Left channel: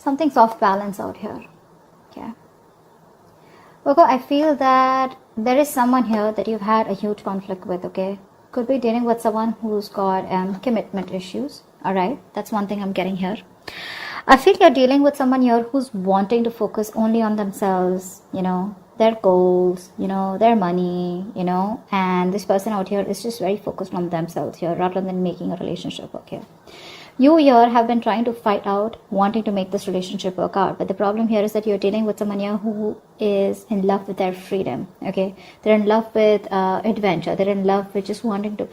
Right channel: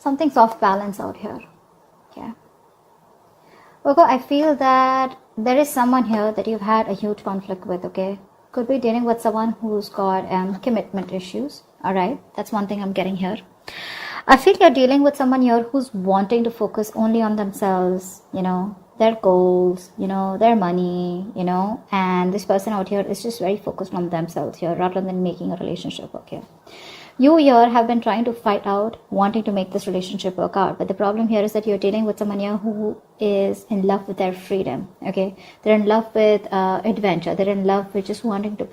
Something's off balance out here. Okay. Virgo, I feel that there is someone here that you've had a huge conflict with, okay? Could be dealing with someone who's got commitment issues. Alright, that's one thing I'm getting here. I feel you're dealing with someone here who's wanting to focus only on themselves, their goals, their money, and this person out here is just very focused on themselves here rather than making a relationship, okay? You here have been trying to fight out, wanting to make this relationship work out. But the problem here is that you're dealing with someone here who is in love with their freedom, okay? They're in love with adventure. They're in love with just wanting to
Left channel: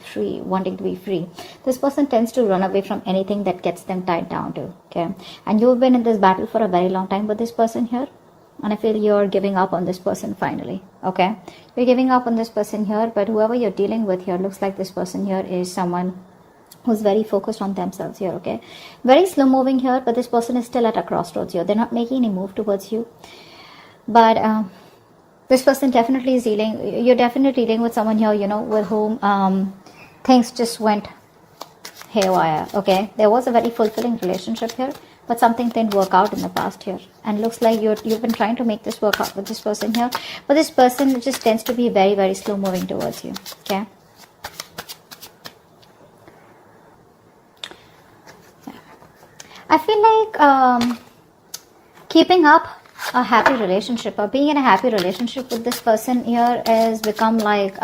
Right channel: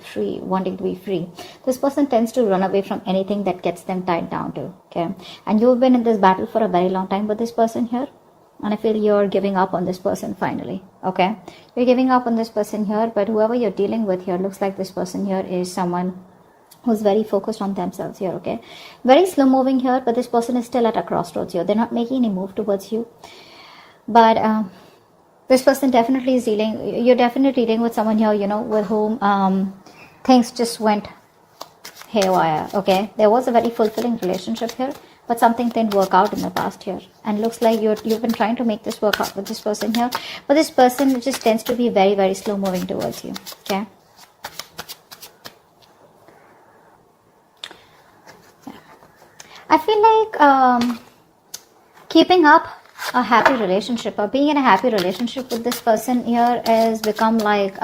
be free. This person tends to run away from anything that gets them tied down to, okay? And you've been in this battle for a very long time with this person here. And I feel you're giving up on this person finally, okay? You're giving up on this person here, but whoever you're dealing with here looks like this person here is someone who's very focused on themselves here, okay? Very slow moving here, but this person is still at a crossroads here. They're not making any move towards you. But this person definitely is dealing, you're definitely dealing with someone here, with whom things just went haywire, okay? There was a very fulfilling relationship here, but something didn't work out in the past here. And looks like you've been trying to make this work out with this person here. But this person just tends to be very, very slow moving towards you, okay? I feel like keeping up a happy relationship or being in a happy relationship with this person here has become like,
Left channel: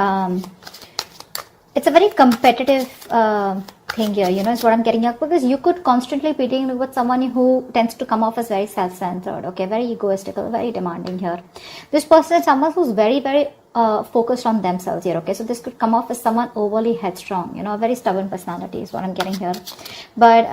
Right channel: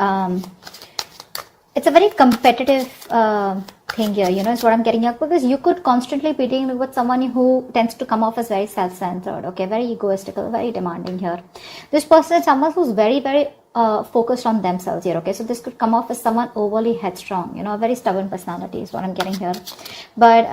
it's a very competitive thing here, is what I'm getting at, because you could constantly be dealing with someone who tends to come off as very self-centered, okay, very egoistical, very demanding here. This person is someone who's very, very focused on themselves here, okay? So this could come off as someone overly headstrong, a very stubborn personality is what I'm getting here. But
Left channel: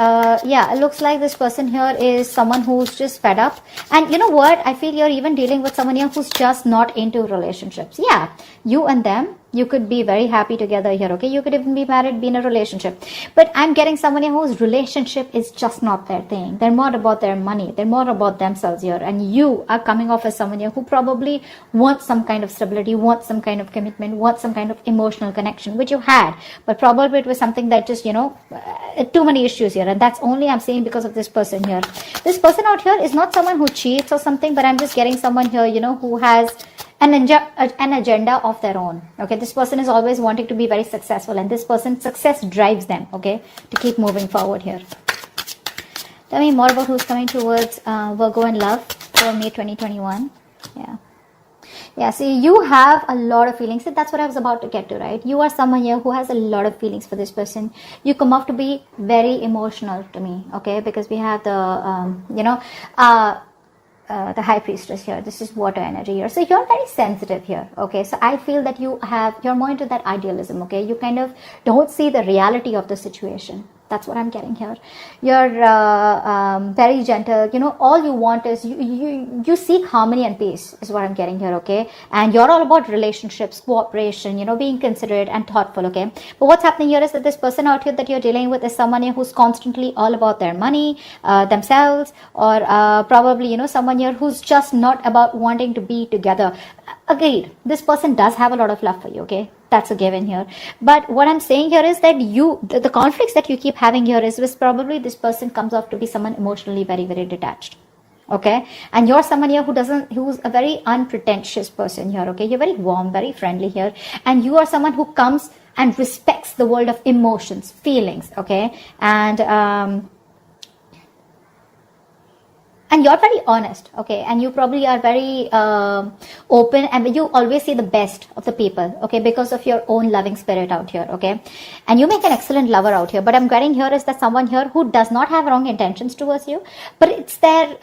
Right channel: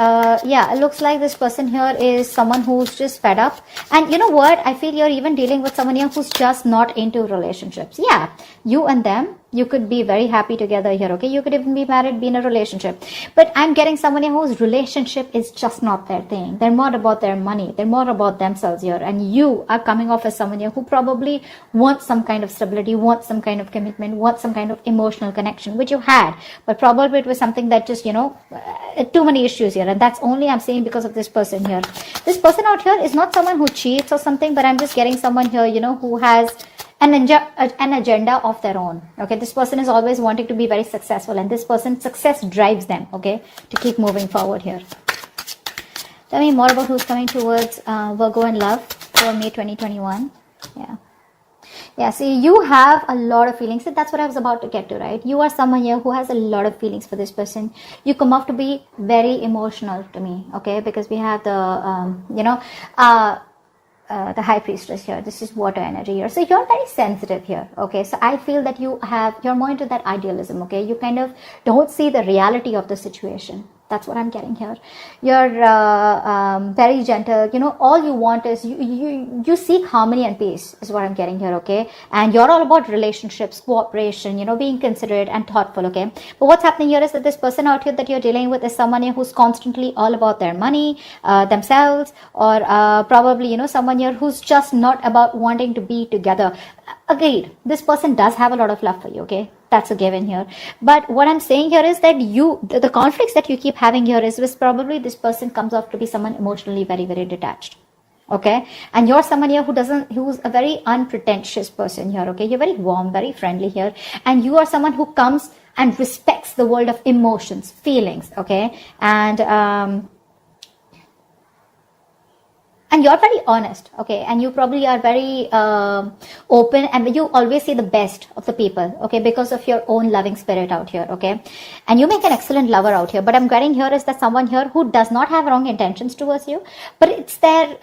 yeah, it looks like this person here is someone who's just fed up. And you know what? I feel you're even dealing with someone here who's just not into relationships. Yeah, you and them, you could be very happy together here, okay? You could even be married, be in a relationship. But I'm getting someone here whose relationship is just not their thing. They're more about their money. They're more about themselves here. And you are coming off as someone here who probably wants some kind of stability, wants some kind of commitment, wants some kind of emotional connection, which you had. But probably it was something that just, too many issues here. And that's only I'm saying because of this person here. This person out here is not someone who cheats or something, but I'm just getting someone here, who has an agenda of their own, okay? This person is always wanting to be very successful, and this person's success drives them, okay, to keep moving forward here. Tell me more about who's coming towards Virgo in love for May 2021. Yeah, see, you have a lot of feelings. So that's what I was about to get to, right? You are someone here who has a lot of feelings for this person. You come off to be very emotional to me, okay? Because we have the, the high priestess here. This is water energy here. So you're very sensitive here, okay? So I feel that you're more into that idealism, okay? You kind of don't see the reality of the situation. That's what I'm getting here. You're very gentle. All you want is you seek harmony and peace is what I'm getting here, okay? And you're all about relationships, cooperation, being considerate and thoughtful, okay? But what's happening here is that this person out here that you're dealing with is someone here who's constantly all about their money, themselves, or probably, someone here who's just not about wanting to be together. Agreed. This person does have a lot of love for you, okay? That's a given here. But what I'm saying here is that the conflicts that you keep having here is probably this person comes off to be someone emotionally very, very detached. Okay? And you're someone here who's a very unpretentious person here. Okay? You're very warm, very friendly here. And you are someone who comes and respects the world of emotions, feelings. Okay? And you're very honest, okay? And you probably are very open, and you always see the best of the people, okay? Because of your own loving spirit out here, okay? And you make an excellent lover out here. But I'm getting here is that someone here who does not have wrong intentions towards you, but it's their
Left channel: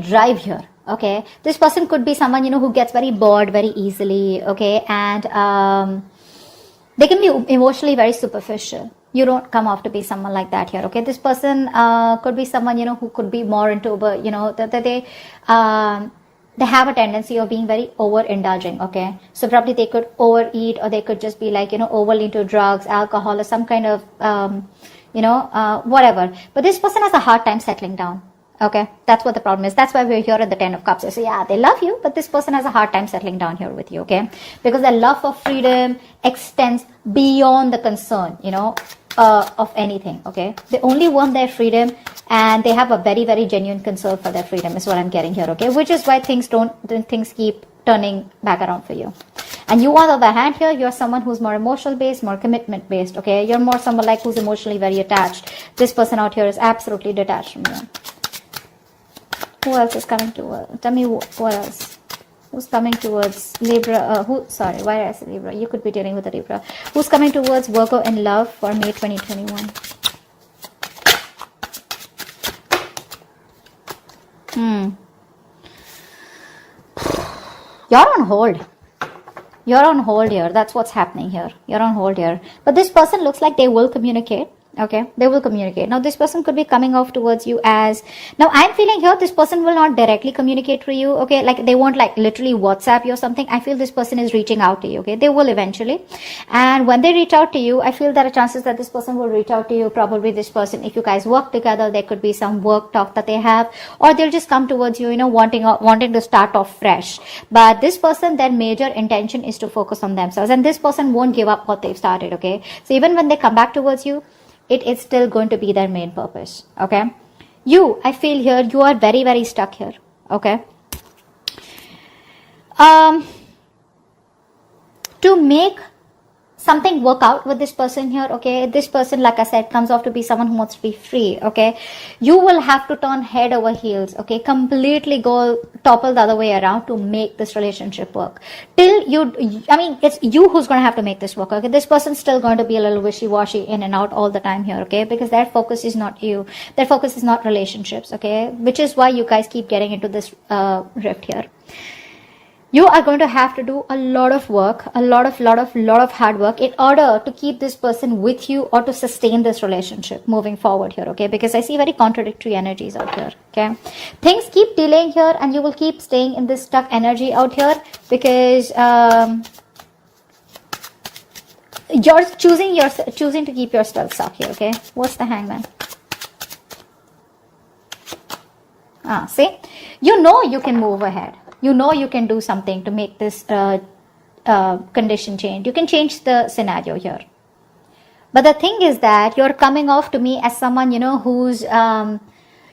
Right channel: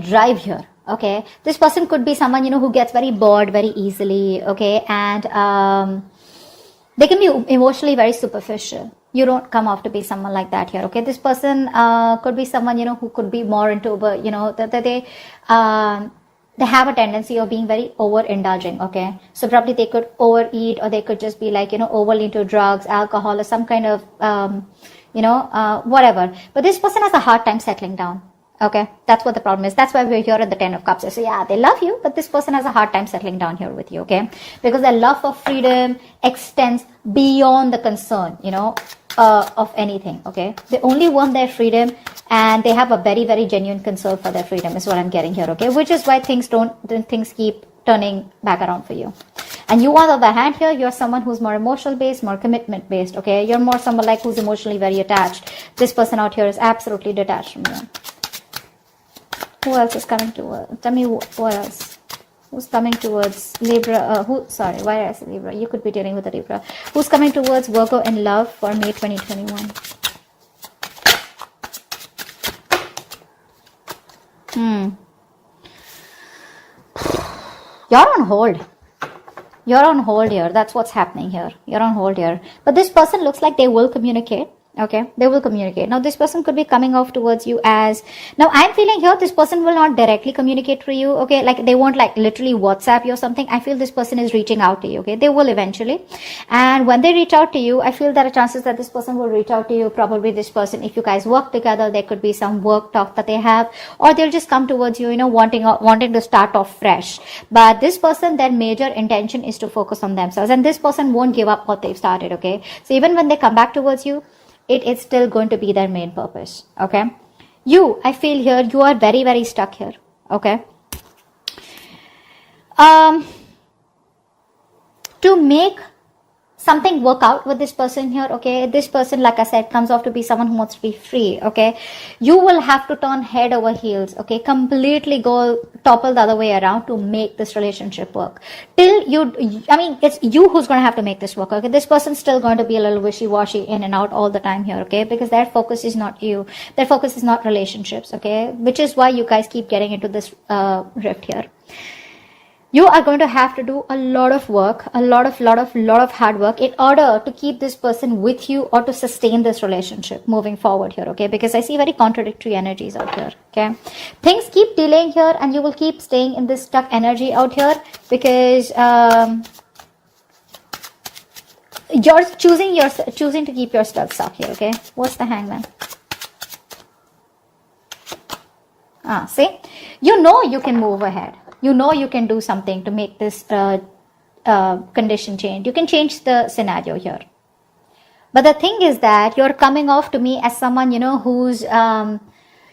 drive here, okay? This person could be someone, who gets very bored very easily, okay? And they can be emotionally very superficial. You don't come off to be someone like that here, okay? This person could be someone, who could be more into, they have a tendency of being very overindulging, okay? So probably they could overeat, or they could just be like, overly into drugs, alcohol, or some kind of, whatever. But this person has a hard time settling down. Okay, that's what the problem is. That's why we're here at the 10 of Cups. So yeah, they love you, but this person has a hard time settling down here with you, okay? Because their love for freedom extends beyond the concern, of anything, okay? They only want their freedom, and they have a very, very genuine concern for their freedom is what I'm getting here, okay? Which is why things keep turning back around for you. And you, on the other hand here, you're someone who's more emotional based, more commitment based, okay? You're more someone like who's emotionally very attached. This person out here is absolutely detached from you. Who else is coming to tell me who else? Who's coming towards Libra? Why did I say Libra? You could be dealing with a Libra. Who's coming towards Virgo in love for May 2021? You're on hold. You're on hold here. That's what's happening here. You're on hold here. But this person looks like they will communicate. Okay, they will communicate. Now, this person could be coming off towards you as... Now, I'm feeling here this person will not directly communicate to you, okay? Like, they won't, like, literally WhatsApp you or something. I feel this person is reaching out to you, okay? They will eventually. And when they reach out to you, I feel there are chances that this person will reach out to you. Probably this person, if you guys work together, there could be some work talk that they have. Or they'll just come towards you, you know, wanting to start off fresh. But this person, their major intention is to focus on themselves. And this person won't give up what they've started, okay? So even when they come back towards you, it is still going to be their main purpose, okay? You, I feel here, you are very, very stuck here, okay? To make something work out with this person here, okay? This person, like I said, comes off to be someone who wants to be free, okay? You will have to turn head over heels, okay? Completely go topple the other way around to make this relationship work. It's you who's going to have to make this work, okay? This person's still going to be a little wishy-washy in and out all the time here, okay? Because their focus is not you. Their focus is not relationships, okay? Which is why you guys keep getting into this rift here. You are going to have to do a lot of work, a lot of hard work in order to keep this person with you or to sustain this relationship moving forward here, okay? Because I see very contradictory energies out here, okay? Things keep delaying here and you will keep staying in this stuck energy out here because you're choosing to keep yourself stuck here, okay? What's the Hangman? See? You know you can move ahead. You know you can do something to make this condition change. You can change the scenario here. But the thing is that you're coming off to me as someone, you know, who's,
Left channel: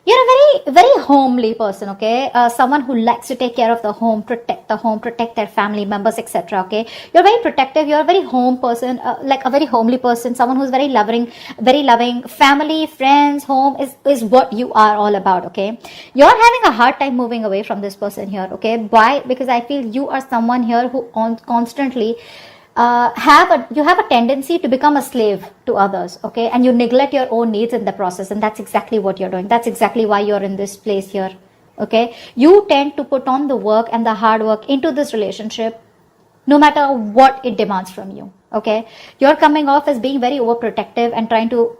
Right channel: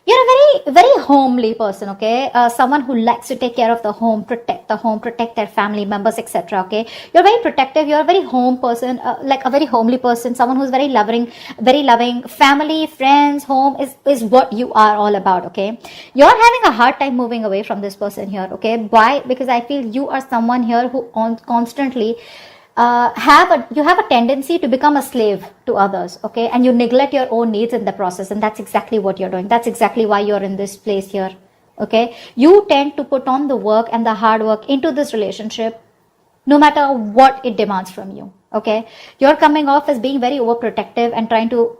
very, very homely person, okay? Someone who likes to take care of the home, protect their family members, etc., okay? You're very protective. You're a very home person, like a very homely person, someone who's very loving. Family, friends, home is what you are all about, okay? You're having a hard time moving away from this person here, okay? Why? Because I feel you are someone here who constantly you have a tendency to become a slave to others, okay? And you neglect your own needs in the process, and that's exactly what you're doing. That's exactly why you're in this place here, okay? You tend to put on the work and the hard work into this relationship no matter what it demands from you, okay? You're coming off as being very overprotective and trying to,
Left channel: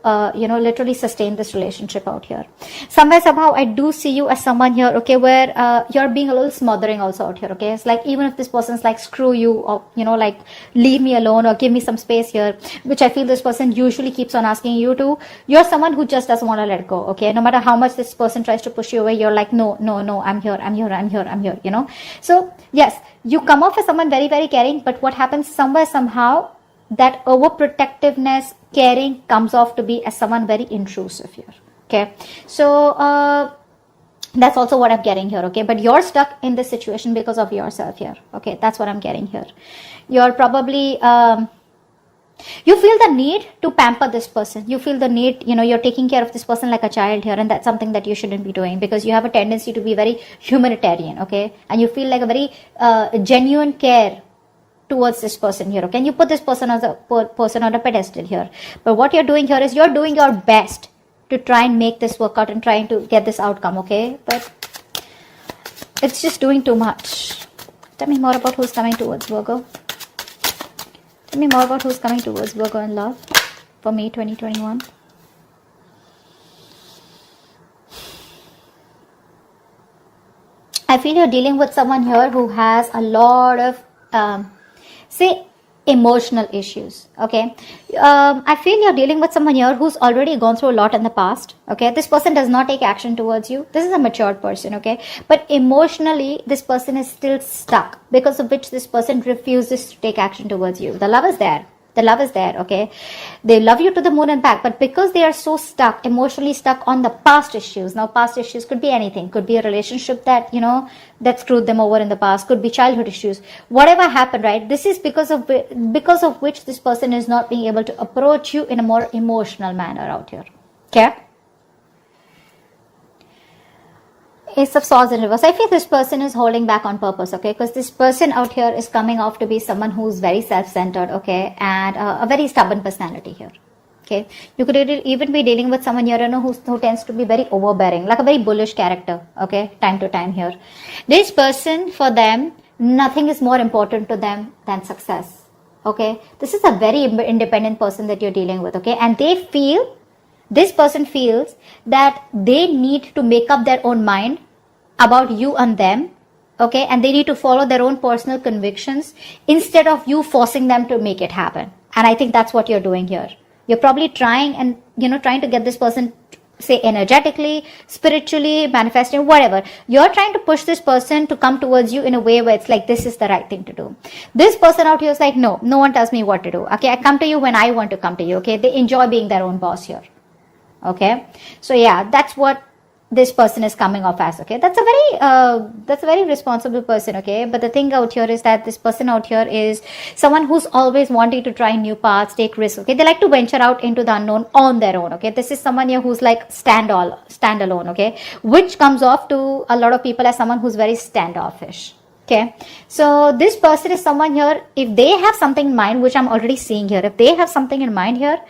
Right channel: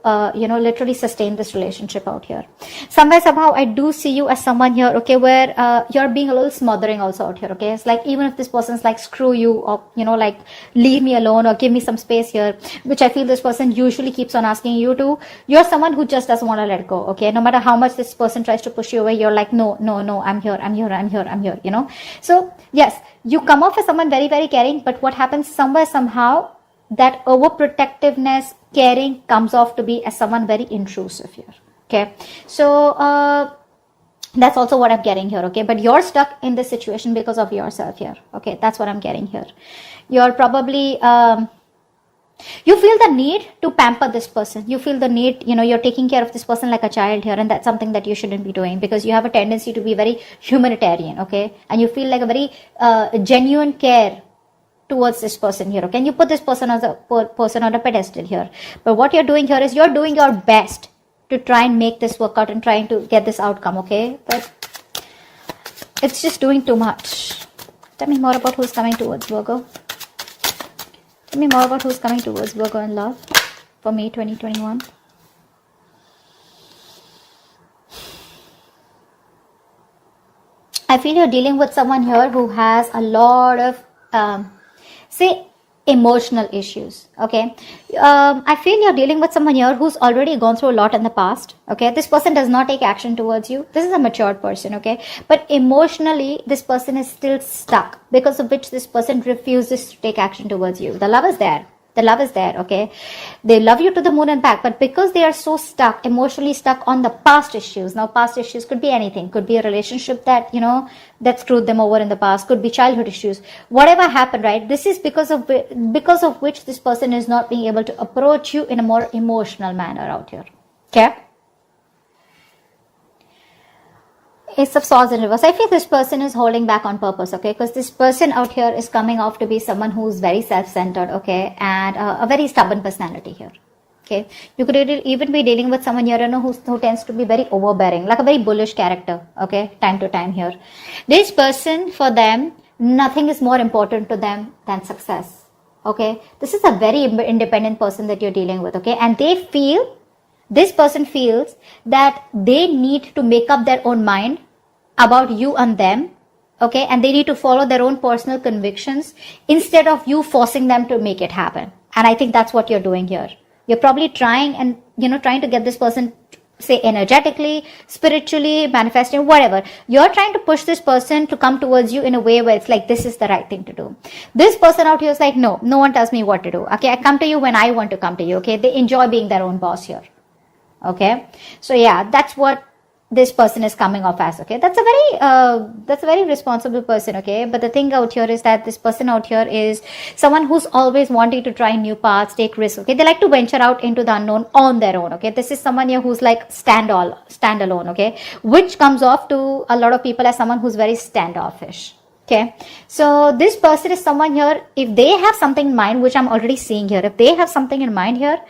literally sustain this relationship out here. Somehow, I do see you as someone here, okay, where you're being a little smothering also out here, okay? It's like even if this person's like, screw you, or, like, leave me alone or give me some space here, which I feel this person usually keeps on asking you to, you're someone who just doesn't want to let go, okay? No matter how much this person tries to push you away, you're like, no, I'm here, you know? So, yes, you come off as someone very, very caring, but what happens somehow, that overprotectiveness, caring comes off to be as someone very intrusive here, okay? So, that's also what I'm getting here, okay? But you're stuck in this situation because of yourself here, okay? That's what I'm getting here. You're probably, you feel the need to pamper this person. You feel the need, you're taking care of this person like a child here, and that's something that you shouldn't be doing because you have a tendency to be very humanitarian, okay? And you feel like a very genuine care towards this person here, okay? And you put this person as a person on a pedestal here. But what you're doing here is you're doing your best to try and make this work out and trying to get this outcome, okay? But it's just doing too much. Tell me more about who's coming towards Virgo. Tell me more about who's coming towards Virgo in love for May 2021. I feel you're dealing with someone here who has a lot of, emotional issues, okay? I feel you're dealing with someone here who's already gone through a lot in the past, okay? This person does not take action towards you. This is a matured person, okay? But emotionally, this person is still stuck, because of which this person refuses to take action towards you. The love is there, The love is there, okay? They love you to the moon and back, but because they are so stuck, emotionally stuck on the past issues. Now, past issues could be anything. Could be a relationship that, that screwed them over in the past. Could be childhood issues. Whatever happened, right? This is because of which this person is not being able to approach you in a more emotional manner out here. Okay? Ace of Swords in reverse. I feel this person is holding back on purpose, okay? Because this person out here is coming off to be someone who's very self-centered, okay? And a very stubborn personality here, okay? You could even be dealing with someone here, who tends to be very overbearing, like a very bullish character, okay? Time to time here. This person, for them, nothing is more important to them than success, okay? This is a very independent person that you're dealing with, okay? And this person feels that they need to make up their own mind about you and them, okay? And they need to follow their own personal convictions instead of you forcing them to make it happen. And I think that's what you're doing here. You're probably trying to get this person, say, energetically, spiritually, manifesting, whatever. You're trying to push this person to come towards you in a way where it's like, this is the right thing to do. This person out here is like, no one tells me what to do, okay? I come to you when I want to come to you, okay? They enjoy being their own boss here. Okay, so yeah, that's what this person is coming off as, okay? That's a very responsible person, okay? But the thing out here is that this person out here is someone who's always wanting to try new paths, take risks, okay? They like to venture out into the unknown on their own, okay? This is someone here who's like standalone, okay? Which comes off to a lot of people as someone who's very standoffish, okay? So this person is someone here, if they have something in mind, which I'm already seeing here, if they have something in mind here,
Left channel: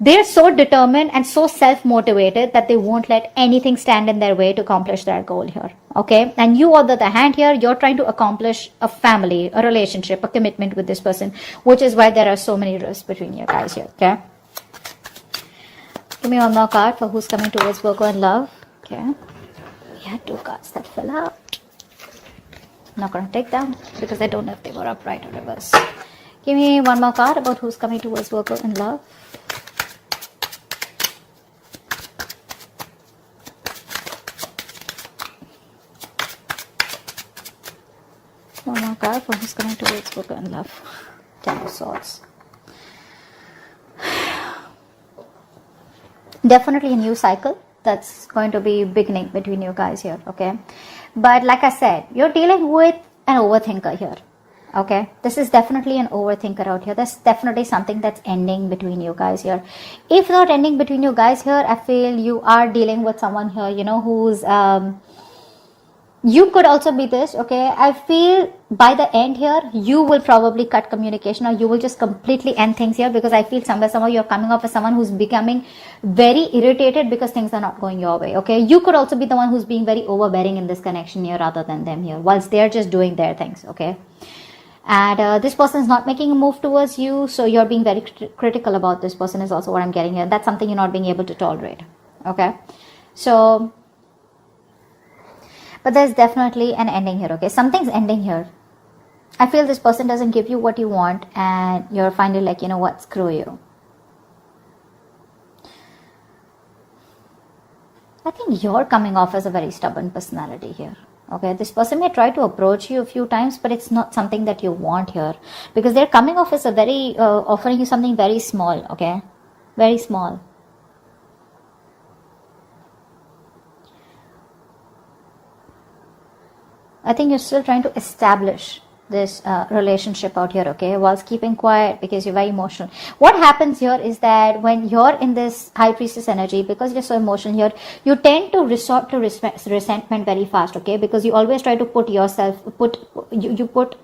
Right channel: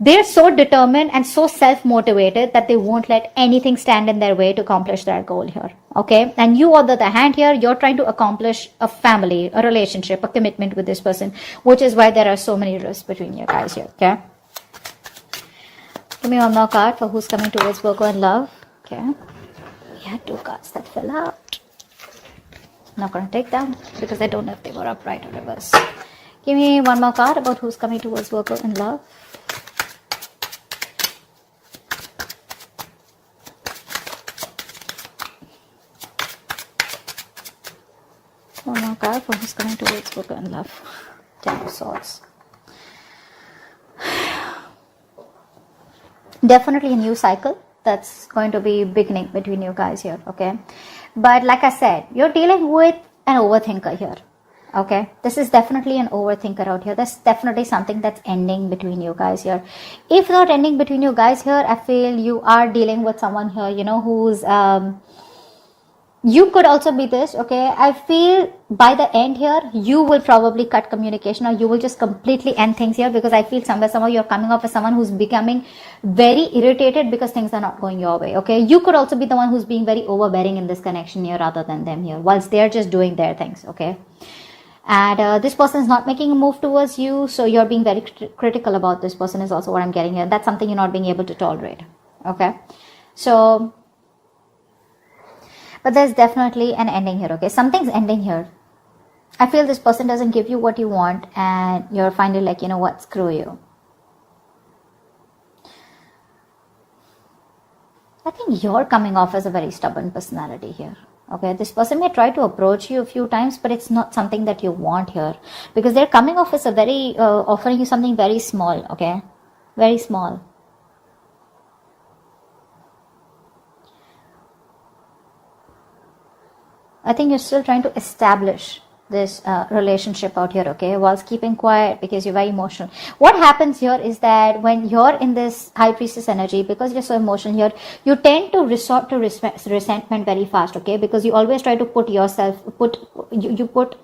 they're so determined and so self-motivated that they won't let anything stand in their way to accomplish their goal here, okay? And you, on the other hand here, you're trying to accomplish a family, a relationship, a commitment with this person, which is why there are so many risks between you guys here, okay? Give me one more card for who's coming towards Virgo in love, okay? We had 2 cards that fell out. I'm not going to take them because I don't know if they were upright or reverse. Give me one more card about who's coming towards Virgo in love. One more card for who's coming towards Virgo in love. 10 of Swords. Definitely a new cycle that's going to be beginning between you guys here, okay? But like I said, you're dealing with an overthinker here, okay? This is definitely an overthinker out here. This is definitely something that's ending between you guys here. If not ending between you guys here, I feel you are dealing with someone here, who's you could also be this, okay? I feel by the end here, you will probably cut communication, or you will just completely end things here, because I feel somehow you're coming up as someone who's becoming very irritated because things are not going your way, okay? You could also be the one who's being very overbearing in this connection here rather than them here, whilst they're just doing their things, okay? And this person is not making a move towards you, so you're being very critical about this person is also what I'm getting here. That's something you're not being able to tolerate, okay? So, but there's definitely an ending here, okay? Something's ending here. I feel this person doesn't give you what you want, and you're finally like, you know what, screw you. I think you're coming off as a very stubborn personality here, okay? This person may try to approach you a few times, but it's not something that you want here, because they're coming off as a very, offering you something very small, okay? Very small. I think you're still trying to establish this relationship out here, okay, whilst keeping quiet because you're very emotional. What happens here is that when you're in this High Priestess energy, because you're so emotional here, you tend to resort to resentment very fast, okay, because you always try to put you put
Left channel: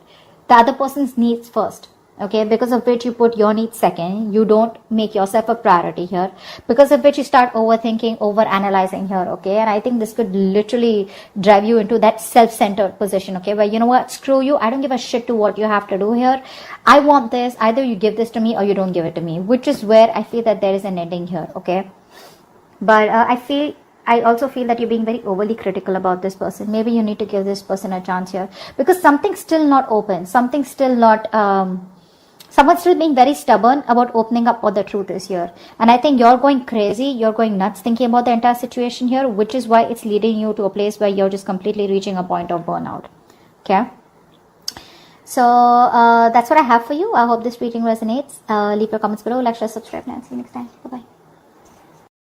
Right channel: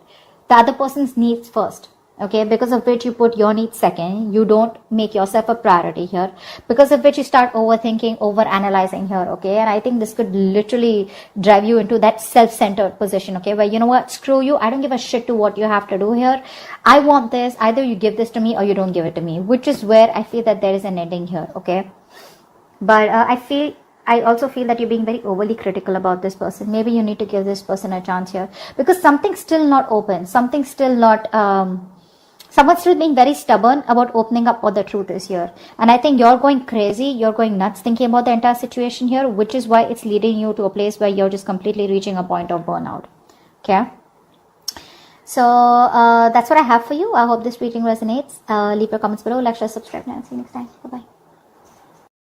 the other person's needs first, okay, because of which you put your needs second. You don't make yourself a priority here, because of which you start overthinking, overanalyzing here, okay? And I think this could literally drive you into that self-centered position, okay, where, you know what, screw you, I don't give a shit to what you have to do here. I want this, either you give this to me or you don't give it to me, which is where I feel that there is an ending here, okay? But I also feel that you're being very overly critical about this person. Maybe you need to give this person a chance here, because something's still not open, something's still not, someone's still being very stubborn about opening up what the truth is here. And I think you're going crazy, you're going nuts thinking about the entire situation here, which is why it's leading you to a place where you're just completely reaching a point of burnout, okay? So that's what I have for you. I hope this reading resonates. Leave your comments below, like, share, subscribe, and see you next time. Bye bye.